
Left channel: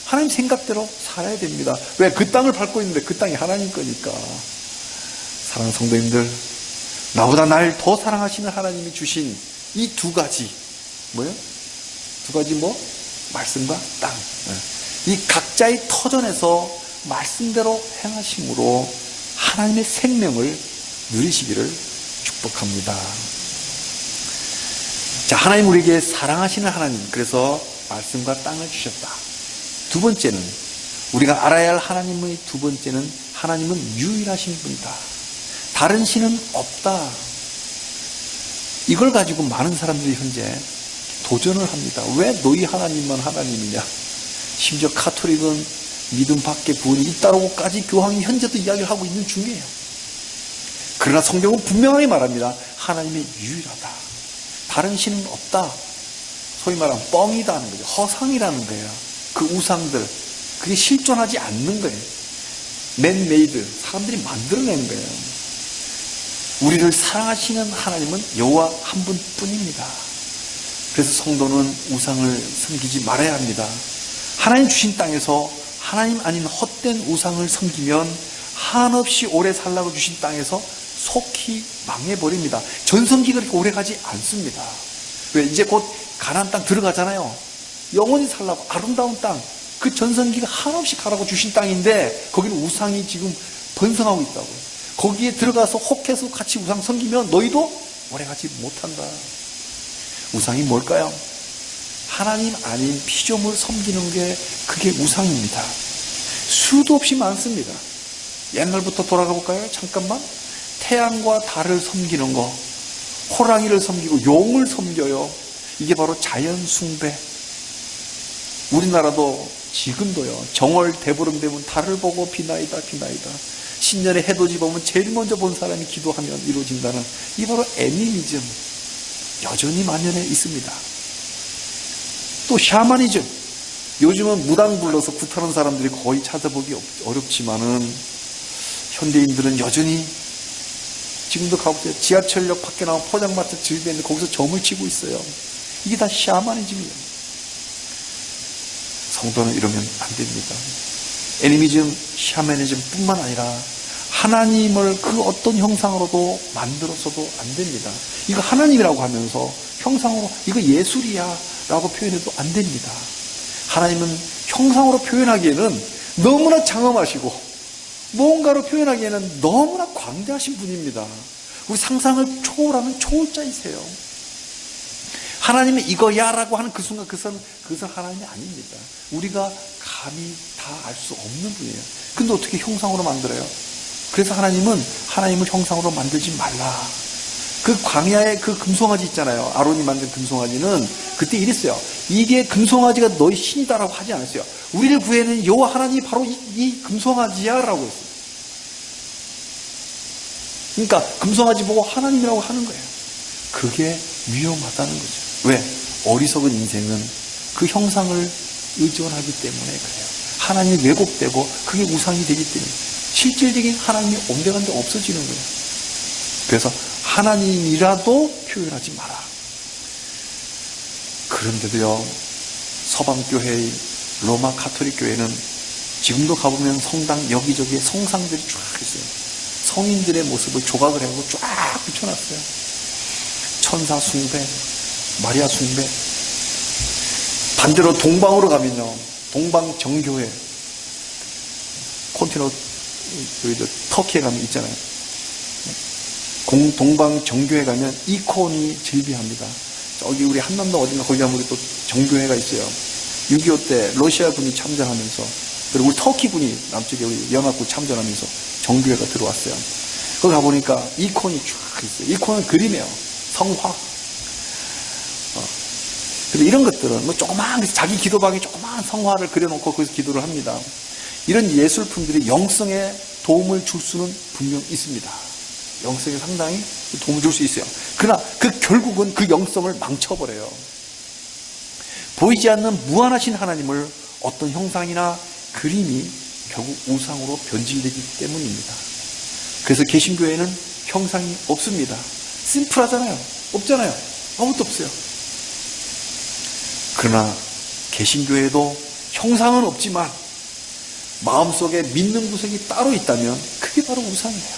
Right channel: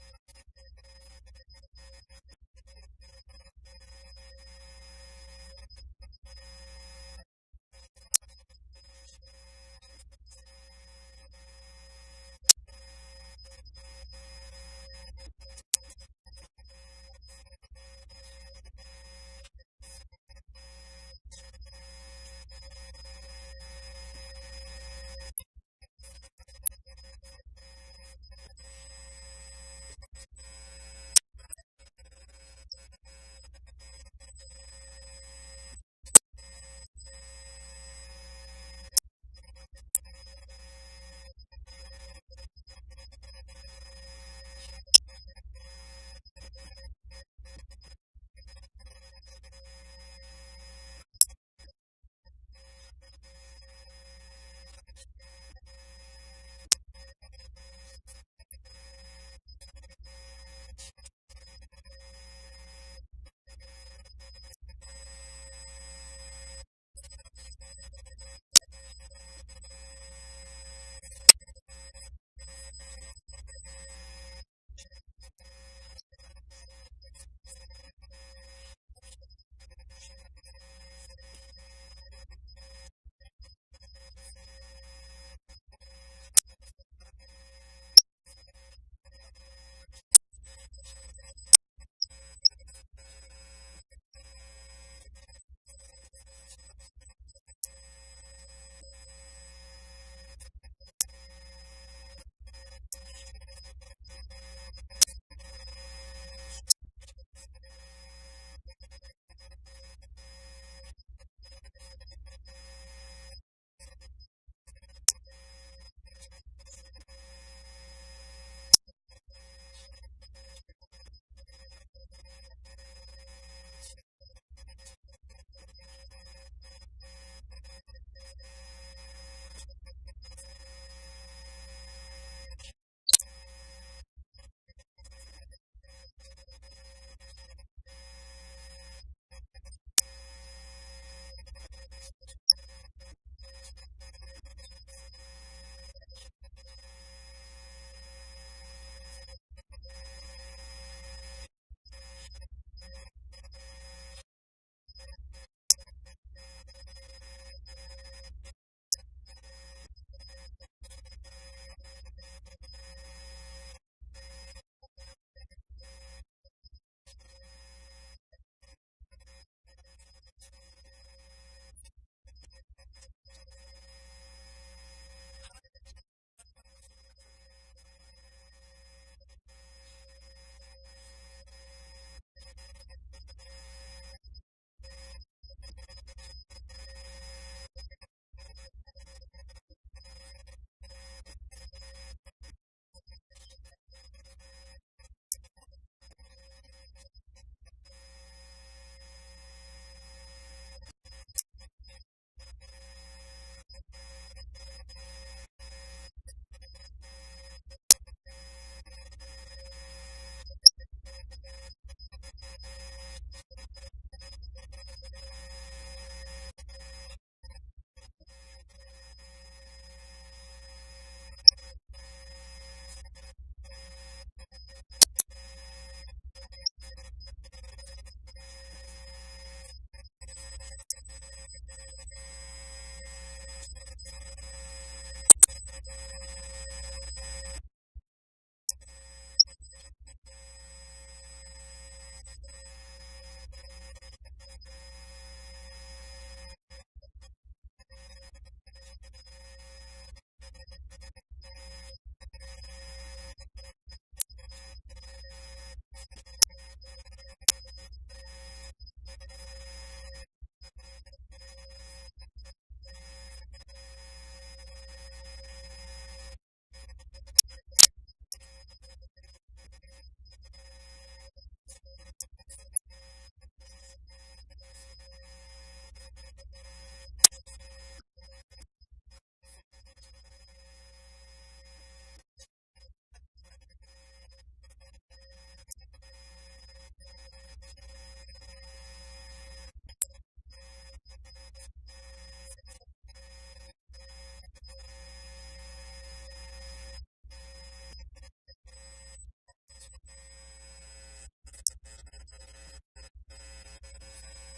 하나님 생각대로 살아야 됩니다. 왜? 그 땅을 밟고 있는데 그 땅이 하나님 거니까. 사랑하는 성도님들, 나보다 날 더 사랑하시는 하나님이 주신 이 두 가지, 뭐예요? 두 가지 뭐? 말씀과 땅. 이 각자의 터전에서 말씀대로 행하심으로 하나님의 생명을 누리시기를 축복합니다. 자, 하나님 우리에게 사랑하시는 하나님, 그래서 말씀과 땅을 주셨다. 두 번째는, 우리가 알아야 할 하나님의 두 번째는, 하나님은 유일하신 분이다. 다른 신은 없다. 이걸 가지고 많은 사람들이 현재 도전을 합니다. 왜 너희 하나님만 하나님이냐? 심지어 카톨릭은 믿음 밖에 구원이 있다고까지 교황이 현재도 이야기를 하고 있는 중이에요. 그러나 성경은 분명하게 말합니다. 하나님이 유일하다. 다른 신은 없다. 소위 말하면 뻥이다는 거죠. 허상이라는 거예요. 그 우상들, 그게 실존하지 않는 거예요. 맨메이드, 사람들이 만들어낸 거예요. 우리를 사랑하시는 하나님은 여호와 한 분뿐입니다. 그래서 성도는 우상을 섬기지 말아야 합니다. 하나님 주신 땅에서 하나님 아닌 헛된 우상을 섬기면 한없이 오래 살라고 주신 땅에서 속히 망해버립니다. 전성기가 그렇게 오래 가지 않습니다. 왜? 이제 곧 가나안 땅 들어가잖아요. 영원히 살라고 아름다운 땅, 그 전성기가 한없이 가라고 주신 땅인데 거기는 우상이 지금 번성하고 있다고요. 거기에 들어가서 혹해서 같이 우상 섬기면 너희도 오래가지 못한다. 우상이 뭘까요? 하나님 아닌 피조물 섬기는 게 그게 우상입니다. 수도 없이 많습니다. 옛날부터 돌아가 볼까요? 잠깐만. 태양과 달을 섬기는 거, 호랑이를 섬기고 용을 섬겨요. 이게 바로 자연 숭배. 우리나라도 지금도요, 정월 대보름 되면 달을 보고 비나이다 비나이다. 신년에 해돋이 보면 제일 먼저 본 사람이 기도하면 이루어진다는, 이 바로 애니미즘, 여전히 만연해 있습니다. 또 샤머니즘, 요즘은 무당 불러서 굿하는 사람들이 거의 찾아보기 어렵지만은 현대인들은 여전히 지금도 가보세요. 지하철역 밖에 나온 포장마차 집에 있는데 거기서 점을 치고 있어요. 이게 다 샤머니즘이에요. 성도는 이러면 안 됩니다. 애니미즘, 샤머니즘 뿐만 아니라 하나님을 그 어떤 형상으로도 만들어서도 안 됩니다. 이거 하나님이라고 하면서 형상으로 이거 예술이야 라고 표현해도 안 됩니다. 하나님은 형상으로 표현하기에는 너무나 장엄하시고 뭔가로 표현하기에는 너무나 광대하신 분입니다. 우리 상상을 초월하는 초월자이세요. 하나님이 이거야 라고 하는 그 순간 그것은 하나님이 아닙니다. 우리가 감히 다 알 수 없는 분이에요. 근데 어떻게 형상으로 만들어요? 그래서 하나님은 하나님을 형상으로 만들지 말라. 그 광야에 그 금송아지 있잖아요. 아론이 만든 금송아지는 그때 이랬어요. 이게 금송아지가 너희 신이다라고 하지 않았어요. 우리를 구해낸 여호와 하나님이 바로 이 금송아지야 라고 했어요. 그러니까 금송아지 보고 하나님이라고 하는 거예요. 그게 위험하다는 거죠. 왜? 어리석은 인생은 그 형상을 의존하기 때문에 그래요. 하나님이 왜곡되고 그게 우상이 되기 때문에 실질적인 하나님이 온데간데 없어지는 거예요. 그래서 하나님이라도 표현하지 마라. 그런데도요, 서방교회의 로마 가톨릭 교회는 지금도 가보면 성당 여기저기에 성상들이 쫙 있어요. 성인들의 모습을 조각을 해서 쫙 붙여놨어요. 천사 숭배, 마리아 숭배. 반대로 동방으로 가면요, 동방 정교회, 콘티너, 터키에 가면 있잖아요. 동방 정교회 가면 이콘이 즐비합니다. 저기 우리 한남도 어딘가 거기 가면 우리 또 정교회가 있어요. 6.25 때 러시아 군이 참전하면서, 그리고 우리 터키 군이 남쪽에 우리 연합군 참전하면서 정교회가 들어왔어요. 거기 가보니까 이콘이 쫙 있어요. 이콘은 그림이에요. 성화. 근데 이런 것들은 뭐 조그마한, 자기 기도방에 조그마한 성화를 그려놓고 거기서 기도를 합니다. 이런 예술품들이 영성에 도움을 줄 수는 분명 있습니다. 영성에 상당히 도움을 줄 수 있어요. 그러나 그 결국은 그 영성을 망쳐버려요. 보이지 않는 무한하신 하나님을 어떤 형상이나 그림이 결국 우상으로 변질되기 때문입니다. 그래서 개신교회는 형상이 없습니다. 심플하잖아요. 없잖아요. 아무것도 없어요. 그러나 개신교회도 형상은 없지만 마음속에 믿는 구석이 따로 있다면 그게 바로 우상이에요.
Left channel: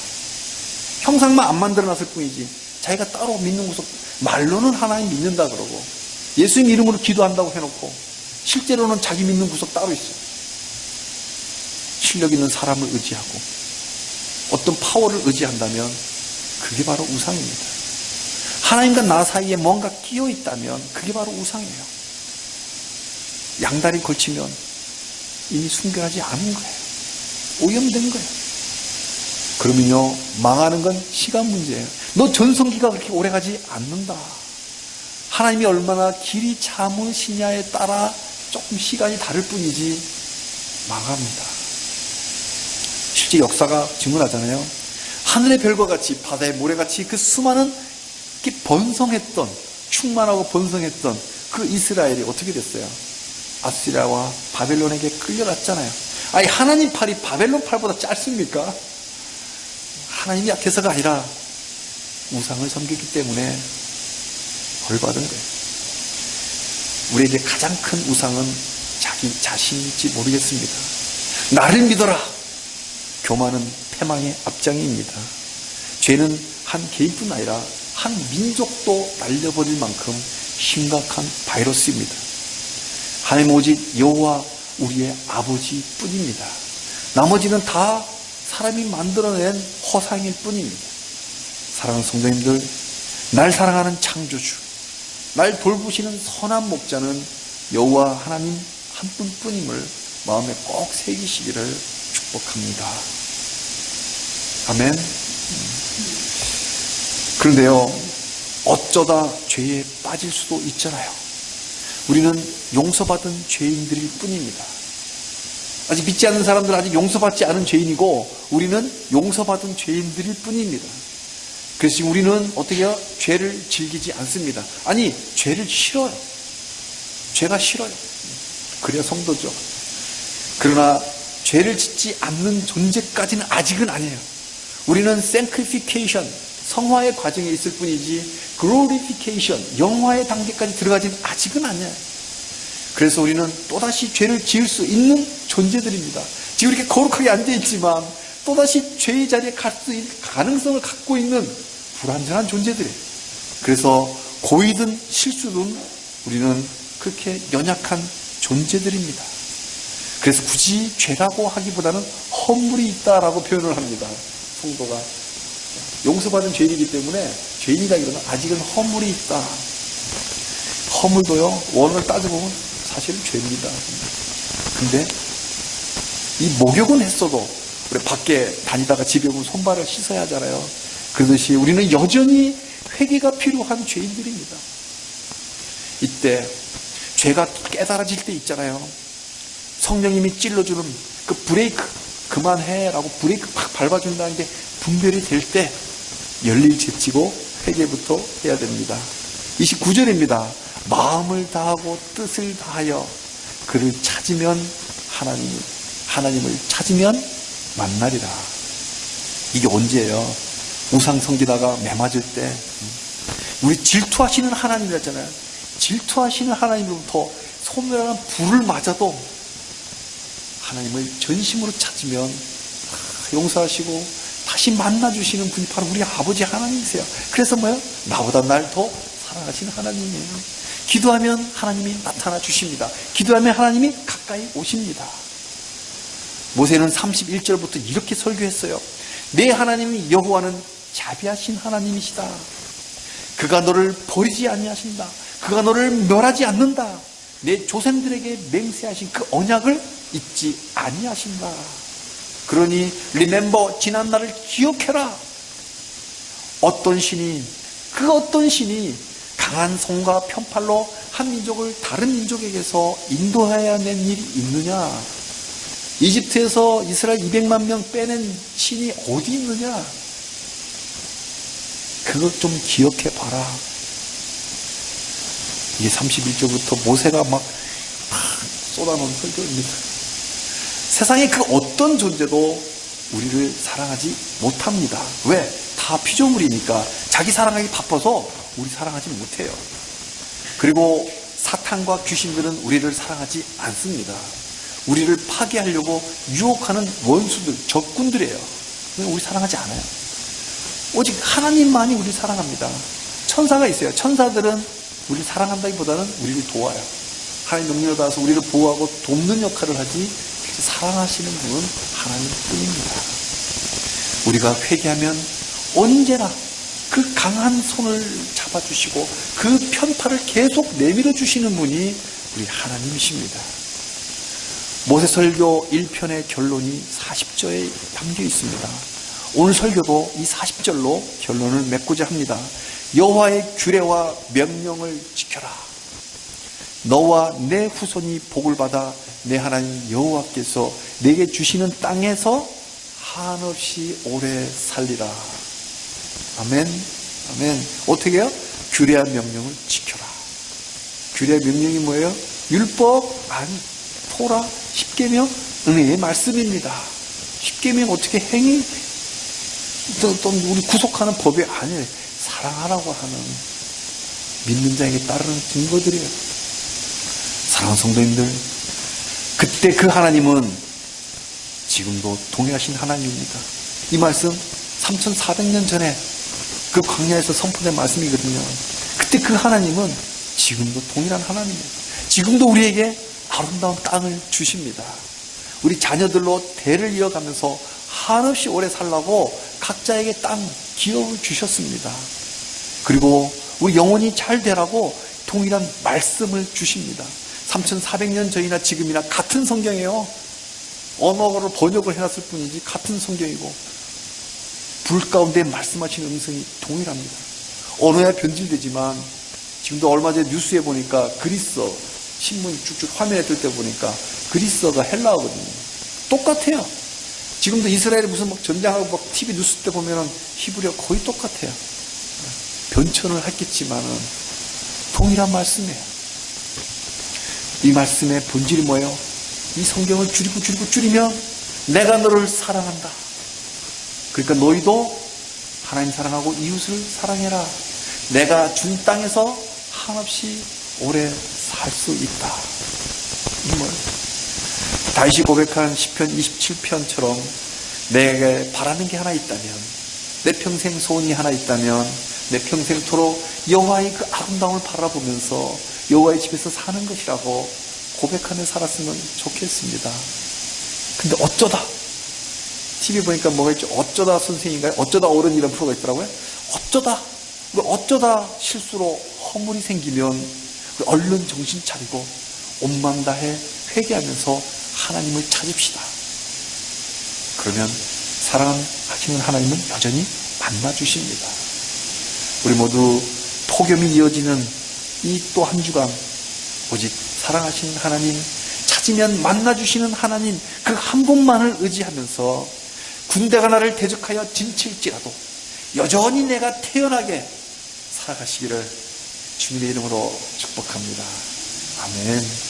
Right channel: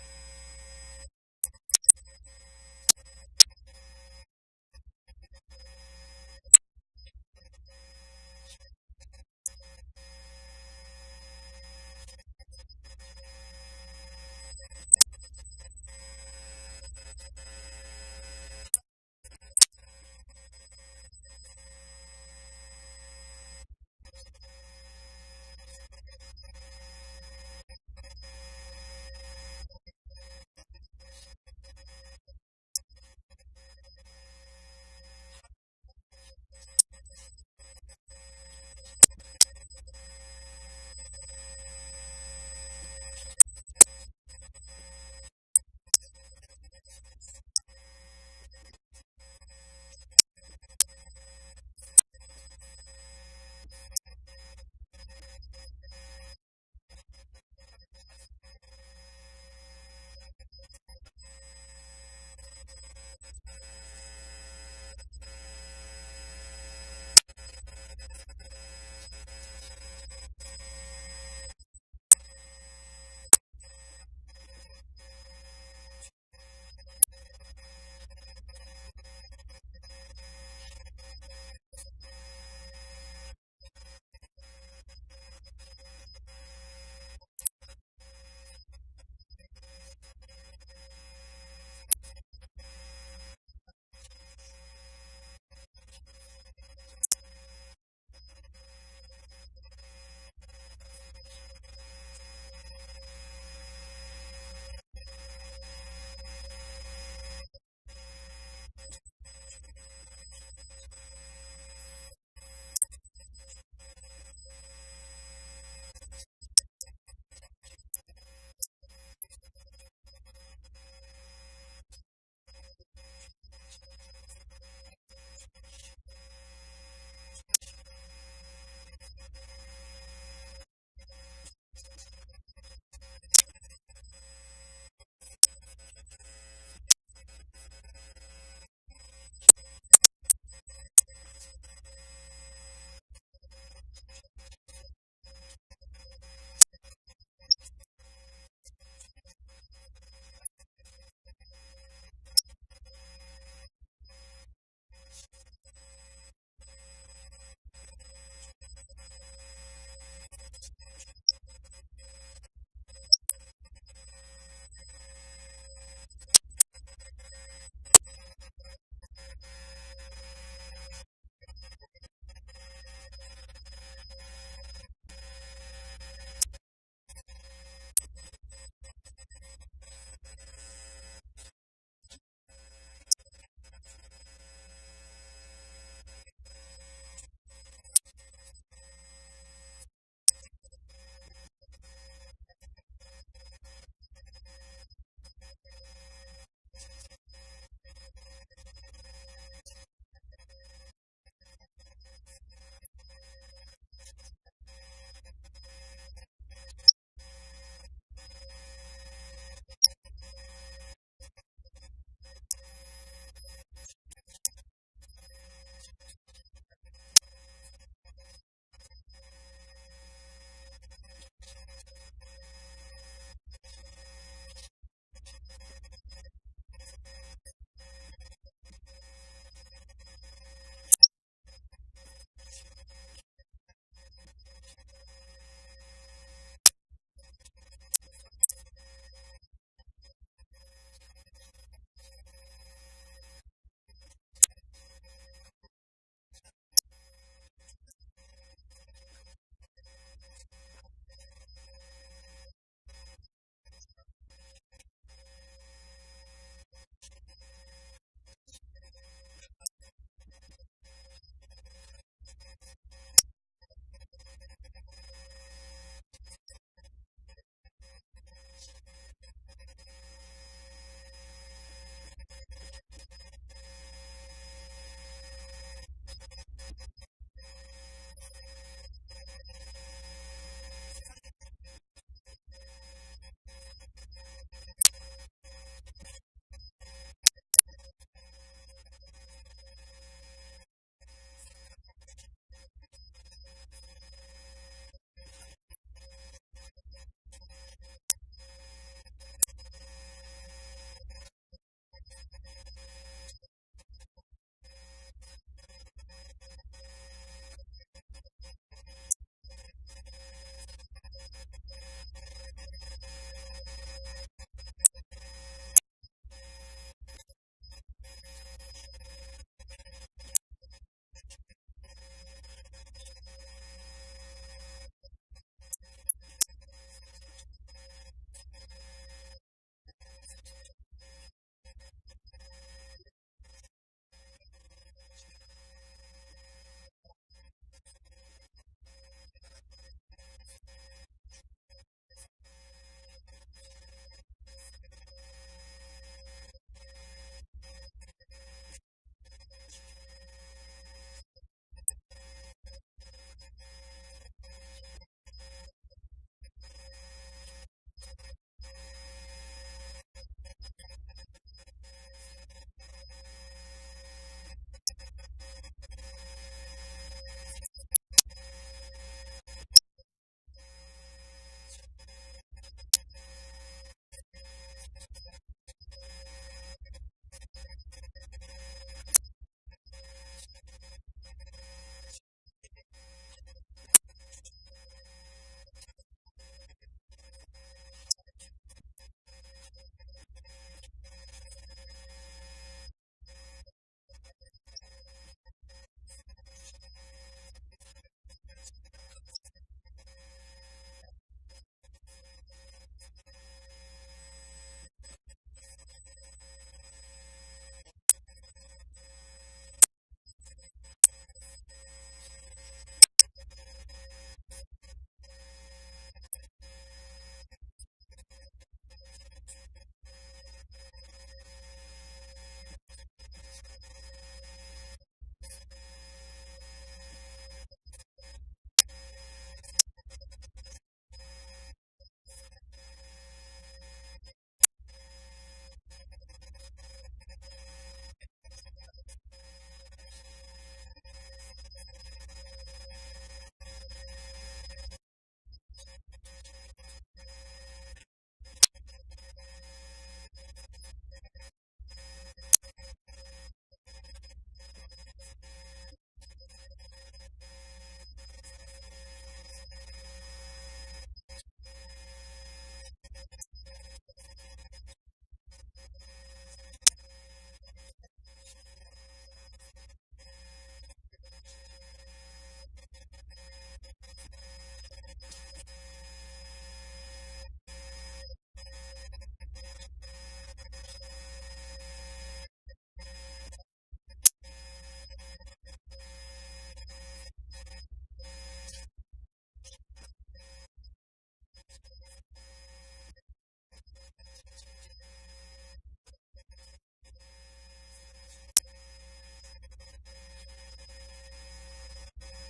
형상만 안 만들어놨을 뿐이지 자기가 따로 믿는 구석, 말로는 하나님 믿는다 그러고 예수님 이름으로 기도한다고 해놓고 실제로는 자기 믿는 구석 따로 있어요. 실력 있는 사람을 의지하고 어떤 파워를 의지한다면 그게 바로 우상입니다. 하나님과 나 사이에 뭔가 끼어 있다면 그게 바로 우상이에요. 양다리 걸치면 이미 순결하지 않은 거예요. 오염된 거예요. 그러면요, 망하는 건 시간 문제예요. 너 전성기가 그렇게 오래 가지 않는다. 하나님이 얼마나 길이 참으시냐에 따라 조금 시간이 다를 뿐이지 망합니다. 실제 역사가 증언하잖아요. 하늘의 별과 같이 바다의 모래같이 그 수많은 번성했던, 충만하고 번성했던 그 이스라엘이 어떻게 됐어요? 아시리아와 바벨론에게 끌려갔잖아요. 아니, 하나님 팔이 바벨론 팔보다 짧습니까? 하나님이 약해서가 아니라 우상을 섬기기 때문에 벌받은 거예요. 우리에게 가장 큰 우상은 자기 자신일지 모르겠습니다. 나를 믿어라. 교만은 패망의 앞장입니다. 죄는 한 개인뿐 아니라 한 민족도 날려버릴 만큼 심각한 바이러스입니다. 하나님 오직 여호와 우리의 아버지뿐입니다. 나머지는 다 사람이 만들어낸 허상일 뿐입니다. 사랑하는 성도님들, 날 사랑하는 창조주, 날 돌보시는 선한 목자는 여호와 하나님 한 분뿐임을 마음에 꼭 새기시기를 축복합니다. 아멘. 그런데요, 어쩌다 죄에 빠질 수도 있잖아요. 우리는 용서받은 죄인들일 뿐입니다. 아직 믿지 않는 사람들은 아직 용서받지 않은 죄인이고 우리는 용서받은 죄인들일 뿐입니다. 그래서 지금 우리는 어떻게 해요? 죄를 즐기지 않습니다. 아니, 죄를 싫어요. 죄가 싫어요. 그래야 성도죠. 그러나 죄를 짓지 않는 존재까지는 아직은 아니에요. 우리는 sanctification, 성화의 과정에 있을 뿐이지 glorification, 영화의 단계까지 들어가지는 아직은 아니에요. 그래서 우리는 또다시 죄를 지을 수 있는 존재들입니다. 지금 이렇게 거룩하게 앉아있지만 또다시 죄의 자리에 갈 수 있는 가능성을 갖고 있는 불완전한 존재들이에요. 그래서 고의든 실수든 우리는 그렇게 연약한 존재들입니다. 그래서 굳이 죄라고 하기보다는 허물이 있다라고 표현을 합니다. 성도가 용서받은 죄인이기 때문에 죄인이라기보다는 아직은 허물이 있다. 허물도요, 원을 따져보면 사실은 죄입니다. 근데 이 목욕은 했어도 우리 밖에 다니다가 집에 오면 손발을 씻어야 하잖아요. 그러듯이 우리는 여전히 회개가 필요한 죄인들입니다. 이때 죄가 깨달아질 때 있잖아요. 성령님이 찔러주는 그 브레이크, 그만해 라고 브레이크 팍 밟아준다는 게 분별이 될 때 열일 제치고 회개부터 해야 됩니다. 29절입니다. 마음을 다하고 뜻을 다하여 그를 찾으면 하나님을 찾으면 만나리라. 이게 언제예요? 우상 섬기다가 매맞을 때 우리 질투하시는 하나님이었잖아요. 질투하시는 하나님으로부터 소멸하는 불을 맞아도 하나님을 전심으로 찾으면 용서하시고 다시 만나주시는 분이 바로 우리 아버지 하나님이세요. 그래서 뭐예요? 나보다 날 더 사랑하시는 하나님이에요. 기도하면 하나님이 나타나 주십니다. 기도하면 하나님이 가까이 오십니다. 모세는 31절부터 이렇게 설교했어요. 내 하나님 여호와는 자비하신 하나님이시다. 그가 너를 버리지 아니하신다. 그가 너를 멸하지 않는다. 내 조상들에게 맹세하신 그 언약을 잊지 아니하신다. 그러니 remember, 지난 날을 기억해라. 어떤 신이 강한 손과 편팔로 한 민족을 다른 민족에게서 인도해야 낸 일이 있느냐? 이집트에서 이스라엘 200만 명 빼낸 신이 어디 있느냐? 그것 좀 기억해 봐라. 이게 31절부터 모세가 막 쏟아놓은 설교입니다. 세상의 그 어떤 존재도 우리를 사랑하지 못합니다. 왜? 다 피조물이니까 자기 사랑하기 바빠서 우리 사랑하지 못해요. 그리고 사탄과 귀신들은 우리를 사랑하지 않습니다. 우리를 파괴하려고 유혹하는 원수들, 적군들이에요. 우리 사랑하지 않아요. 오직 하나님만이 우리를 사랑합니다. 천사가 있어요. 천사들은 우리를 사랑한다기보다는 우리를 도와요. 하나님 명령을 받아서 우리를 보호하고 돕는 역할을 하지, 사랑하시는 분은 하나님뿐입니다. 우리가 회개하면 언제나 그 강한 손을 잡아주시고 그 편팔을 계속 내밀어 주시는 분이 우리 하나님이십니다. 모세설교 1편의 결론이 40절에 담겨 있습니다. 오늘 설교도 이 40절로 결론을 맺고자 합니다. 여호와의 규례와 명령을 지켜라. 너와 내 후손이 복을 받아 내 하나님 여호와께서 내게 주시는 땅에서 한없이 오래 살리라. 아멘. 아멘. 어떻게 해요? 규례와 명령을 지켜라. 규례와 명령이 뭐예요? 율법, 아니, 토라, 십계명, 은혜의 말씀입니다. 십계명 어떻게 행위, 또 우리 구속하는 법이 아니에요. 사랑하라고 하는 믿는 자에게 따르는 증거들이에요. 사랑하는 성도님들, 그때 그 하나님은 지금도 동일하신 하나님입니다. 이 말씀 3400년 전에 그 광야에서 선포된 말씀이거든요. 그때 그 하나님은 지금도 동일한 하나님이에요. 지금도 우리에게 아름다운 땅을 주십니다. 우리 자녀들로 대를 이어가면서 한없이 오래 살라고 각자에게 땅, 기업을 주셨습니다. 그리고 우리 영혼이 잘 되라고 동일한 말씀을 주십니다. 3400년 전이나 지금이나 같은 성경이에요. 언어로 번역을 해놨을 뿐이지 같은 성경이고, 불 가운데 말씀하시는 음성이 동일합니다. 언어야 변질되지만 지금도 얼마 전에 뉴스에 보니까 그리스어 신문이 쭉쭉 화면에 뜰 때 보니까 그리스어가 헬라어거든요. 똑같아요. 지금도 이스라엘에 무슨 막 전쟁하고 막 TV 뉴스 때 보면은 히브리어 거의 똑같아요. 변천을 했겠지만은 동일한 말씀이에요. 이 말씀의 본질이 뭐예요? 이 성경을 줄이면 내가 너를 사랑한다. 그러니까 너희도 하나님 사랑하고 이웃을 사랑해라. 내가 준 땅에서 한없이 오래 살 수 있다. 이 뭐예요? 다윗이 고백한 시편 27편처럼 내게 바라는 게 하나 있다면, 내 평생 소원이 하나 있다면, 내 평생토록 여호와의 그 아름다움을 바라보면서 여호와의 집에서 사는 것이라고 고백하며 살았으면 좋겠습니다. 근데 어쩌다 TV 보니까 뭐가 있죠? 어쩌다 선생인가요? 어쩌다 어른 이런 프로가 있더라고요. 어쩌다 실수로 허물이 생기면 얼른 정신 차리고 온맘 다해 회개하면서 하나님을 찾읍시다. 그러면 사랑하시는 하나님은 여전히 만나주십니다. 우리 모두 폭염이 이어지는 이 또 한 주간 오직 사랑하시는 하나님, 찾으면 만나주시는 하나님, 그 한 분만을 의지하면서 군대가 나를 대적하여 진칠지라도 여전히 내가 태연하게 살아가시기를 주님의 이름으로 축복합니다. 아멘.